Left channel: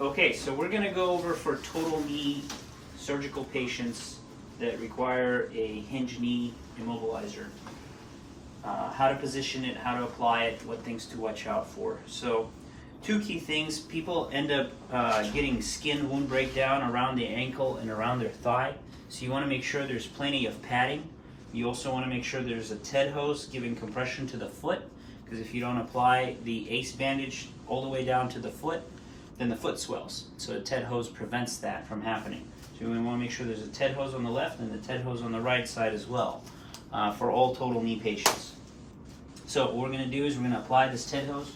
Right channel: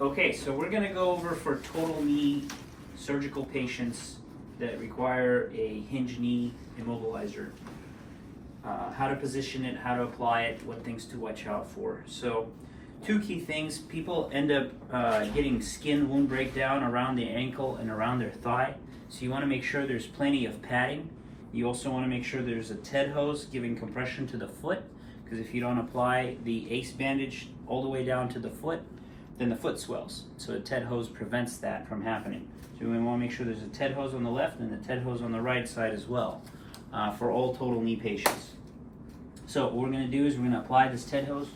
Okay, so we're going to go over for total knee surgical patients that require a hinge knee immobilizer. How to position it, how to apply it, what things to watch out for. So, two key things. People end up getting skin wound breakdown around the ankle and around their thigh. So you want to make sure there's plenty of padding. You also want to make sure there's a TED hose giving compression to the foot, because if you don't apply the ACE bandage all the way down to the foot, then the foot swells. So a TED hose prevents that from happening. So we want to make sure there's a TED hose on the left and a TED hose on the right side as well for all total knee patients. So what we're going to do is we're going to apply this TED hose.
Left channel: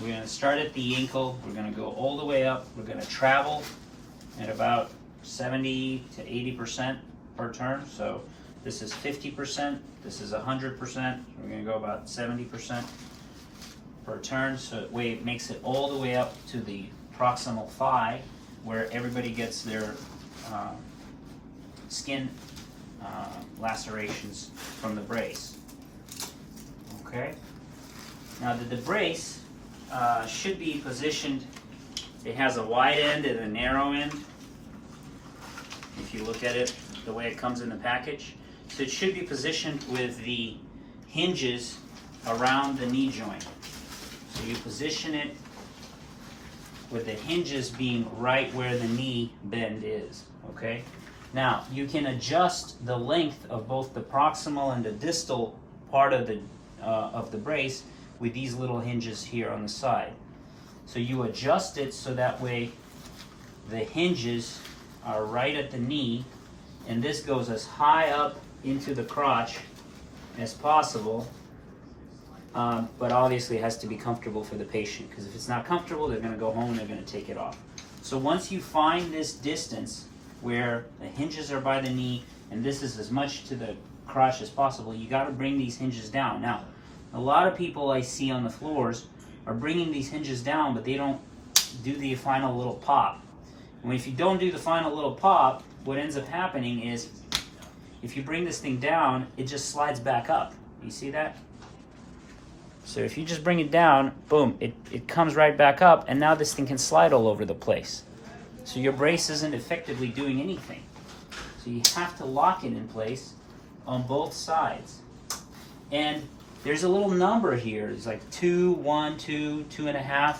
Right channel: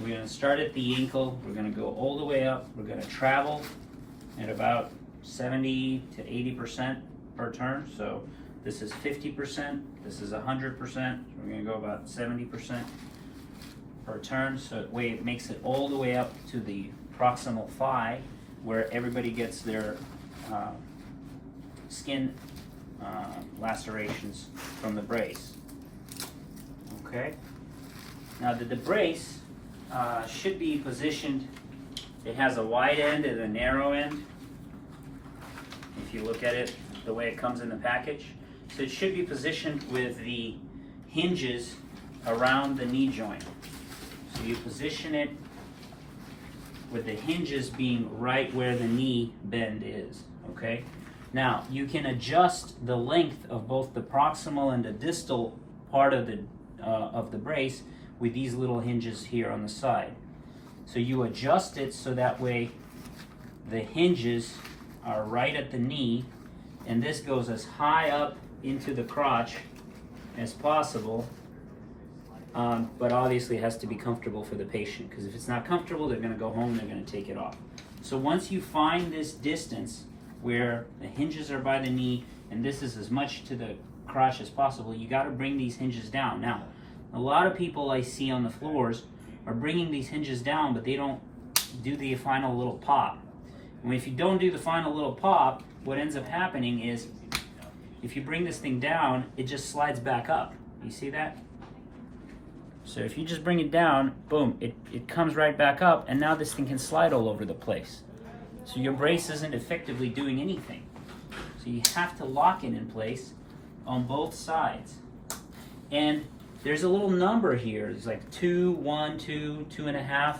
We're going to start at the ankle. We're going to go all the way up. We're going to travel at about 70 to 80% per turn. So this is 50%. This is 100%. We're going to go about 70% per turn. So that way it makes it all the way up to the proximal thigh, where everybody gets their skin lacerations from the brace. Okay. Now the brace should be positioned. It has a wide end and a narrow end. If you look at it the way it comes in the package, so it should be positioned with the hinges around the knee joint. So you position it with the hinges being right where the knee bend is. Okay. Now you can adjust the length of both the proximal and the distal part of the brace with these little hinges here on the side. So you adjust it so that way the hinges are right at the knee, and this goes as high up into the crotch as possible, but obviously it has to be comfortable for the patient, because if it's not comfortable, they're going to go home and they're going to take it off. So once you find this distance where the hinges are by the knee and this is as much to the crotch as possible, you got to bring these hinges down. Now, a lot of people I see on the floors are bringing these hinges down, but they don't do the final little pop. And if you don't do the final little pop, what ends up happening is if you bring this thing down, it just slides back up. You see that? So if you just bring it down, boom, it comes right back up, and now this thing can slide all over the place. So your brace isn't effectively doing anything. So you have to lock it in place on both sides. And there's a little number here. It's like 2, 1, 2, 2.5.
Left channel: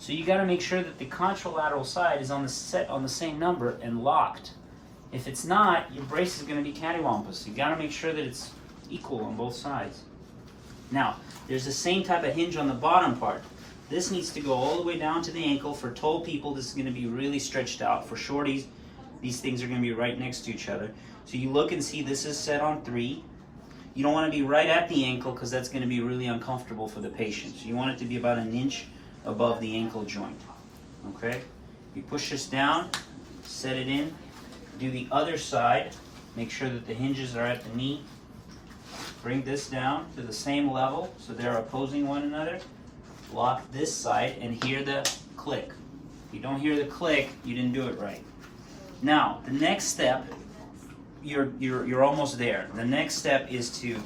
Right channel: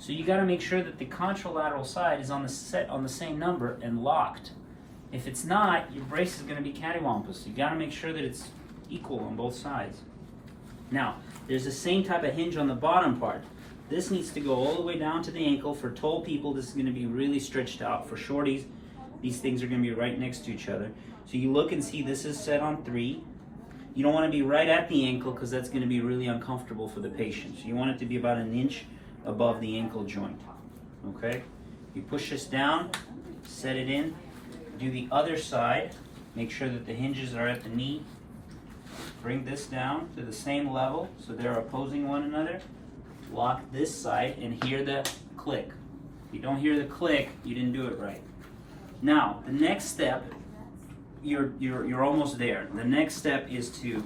So you got to make sure that the contralateral side is on the same number and locked. If it's not, your brace is going to be cattywampus. You got to make sure that it's equal on both sides. Now, there's the same type of hinge on the bottom part. This needs to go all the way down to the ankle. For tall people, this is going to be really stretched out. For shorties, these things are going to be right next to each other. So you look and see this is set on 3. You don't want to be right at the ankle, because that's going to be really uncomfortable for the patient. So you want it to be about 1 inch above the ankle joint. Okay? You push this down, set it in, do the other side, make sure that the hinges are at the knee. Bring this down to the same level so they're opposing one another. Lock this side and hear the click. If you don't hear the click, you didn't do it right. Now, the next step, you're almost there. The next step is to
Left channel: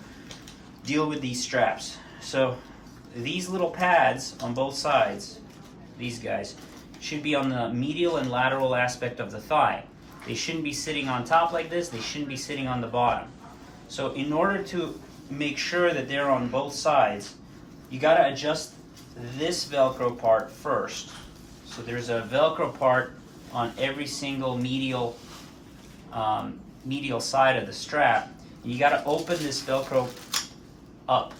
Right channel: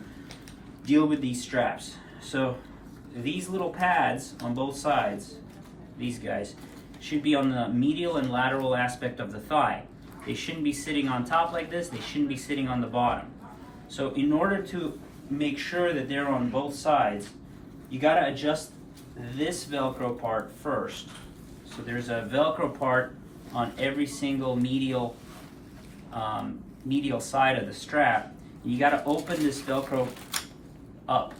deal with these straps. So these little pads on both sides, these guys, should be on the medial and lateral aspect of the thigh. They shouldn't be sitting on top like this. They shouldn't be sitting on the bottom. So in order to make sure that they're on both sides, you got to adjust this Velcro part first. So there's a Velcro part on every single medial side of the strap. You got to open this Velcro up.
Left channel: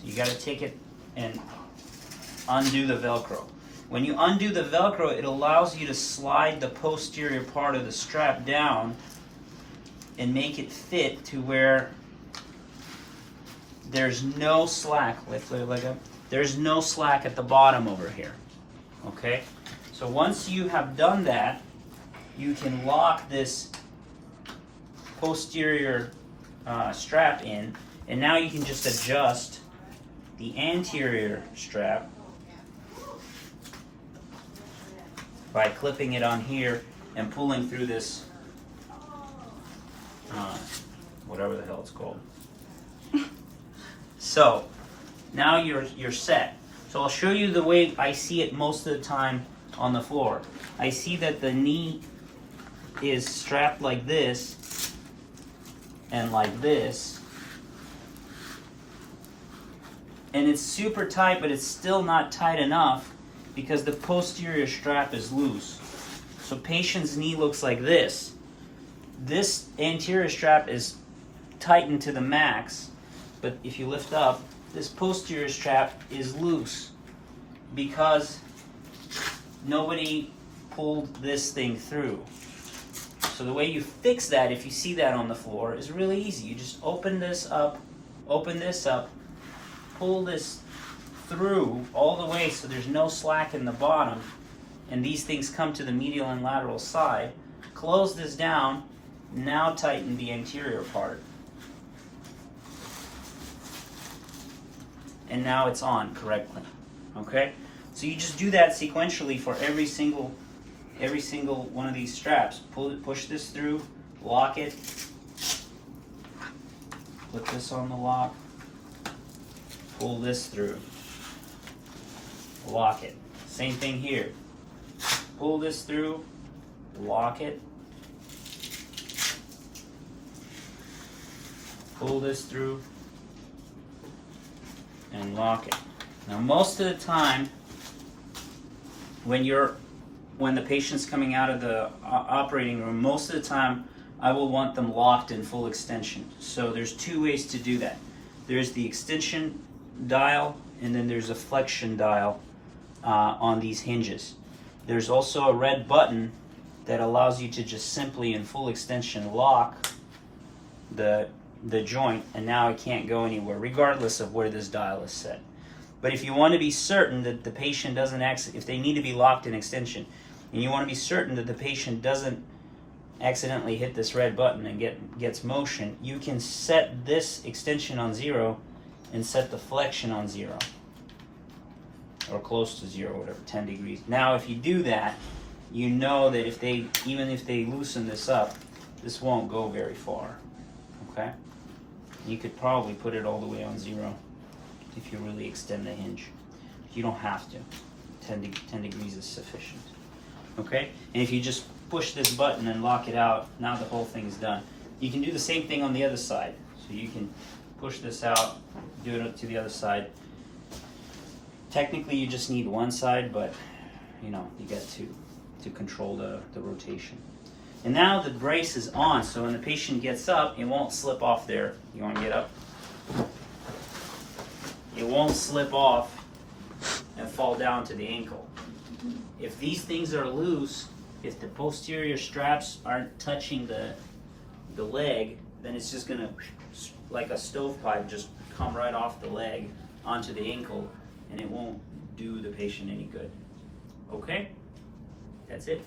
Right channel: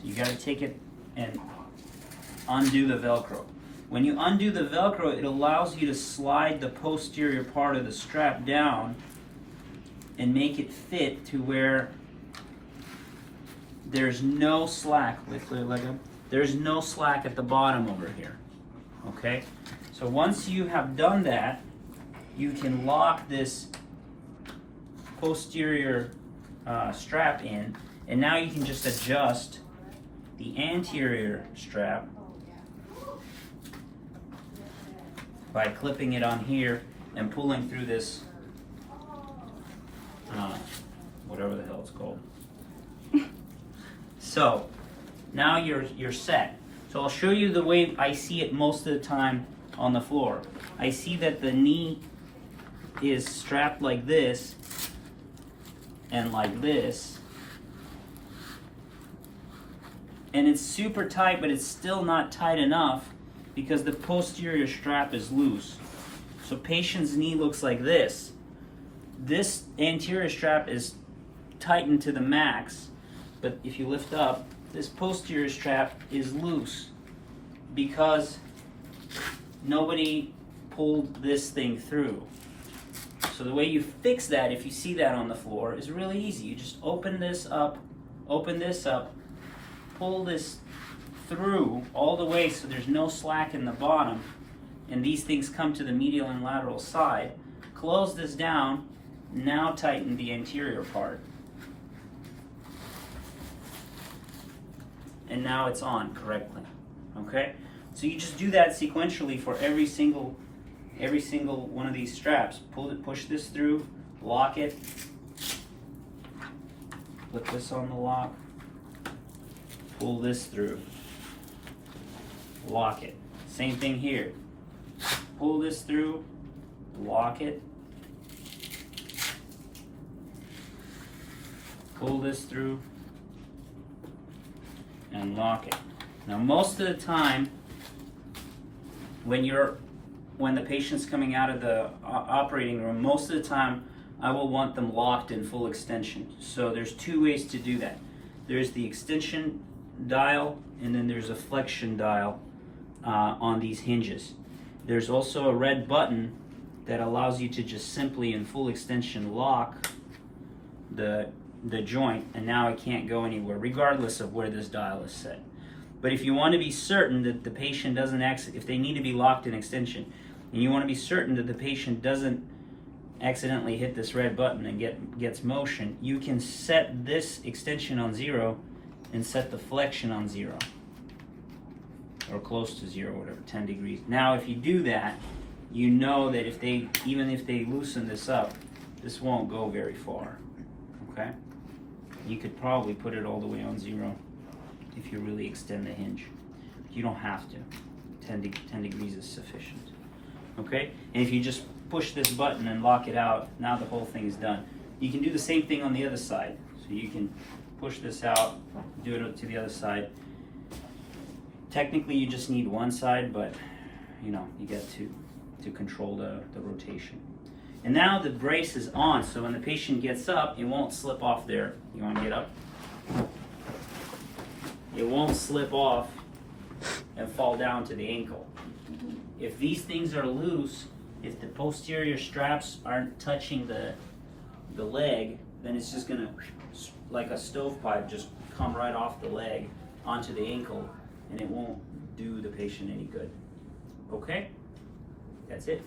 So you got to take it and undo the Velcro. When you undo the Velcro, it allows you to slide the posterior part of the strap down and make it fit to where there's no slack. There's no slack at the bottom over here. Okay? So once you have done that, you can lock this posterior strap in, and now you can just adjust the anterior strap by clipping it on here and pulling through this whatever the hell it's called. So now you're set. So I'll show you the way I see it most of the time on the floor. I see that the knee is strapped like this and like this. And it's super tight, but it's still not tight enough because the posterior strap is loose. So patient's knee looks like this. This anterior strap is tightened to the max, but if you lift up, this posterior strap is loose because nobody pulled this thing through. So the way you fix that, if you see that on the floor, is really easy. You just open this up, pull this through all the way so there's no slack in the bottom, and these things come to the medial and lateral side. Close this down, now tighten the anterior part. And now it's on correctly. Okay? So you just do that sequentially for every single one of these straps. Push this through, lock it, put this on the lock, pull this through, lock it. Same thing here. Pull this through, lock it, pull this through, and lock it. Now most of the time, when the patient's coming out of the operating room, most of the time I will want them locked in full extension. So there's two ways to do that. There's the extension dial, and then there's a flexion dial on these hinges. There's also a red button that allows you to just simply in full extension lock the joint, and now it can't go anywhere regardless of where this dial is set. But if you want to be certain that the patient doesn't if they need to be locked in extension, and you want to be certain that the patient doesn't accidentally hit this red button and gets motion, you can set this extension on 0 and set the flexion on 0, or close to 0, whatever, 10 degrees. Now if you do that, you know that even if they loosen this up, this won't go very far. Okay? You could probably put it all the way on 0 if you really extend the hinge. You don't have to. 10 degrees is sufficient. Okay? And if you just push this button and lock it out, now the whole thing is done. You can do the same thing on the other side. So you can push this out, do it to the other side. Technically you just need one side, but you got to control the rotation. And now the brace is on, so when the patient gets up, it won't slip off there. You want to get up? It won't slip off and fall down to the ankle. If these things are loose, if the posterior straps aren't touching the leg, then it's just going to, like a stovepipe, just come right off the leg onto the ankle, and it won't do the patient any good. Okay? That's it.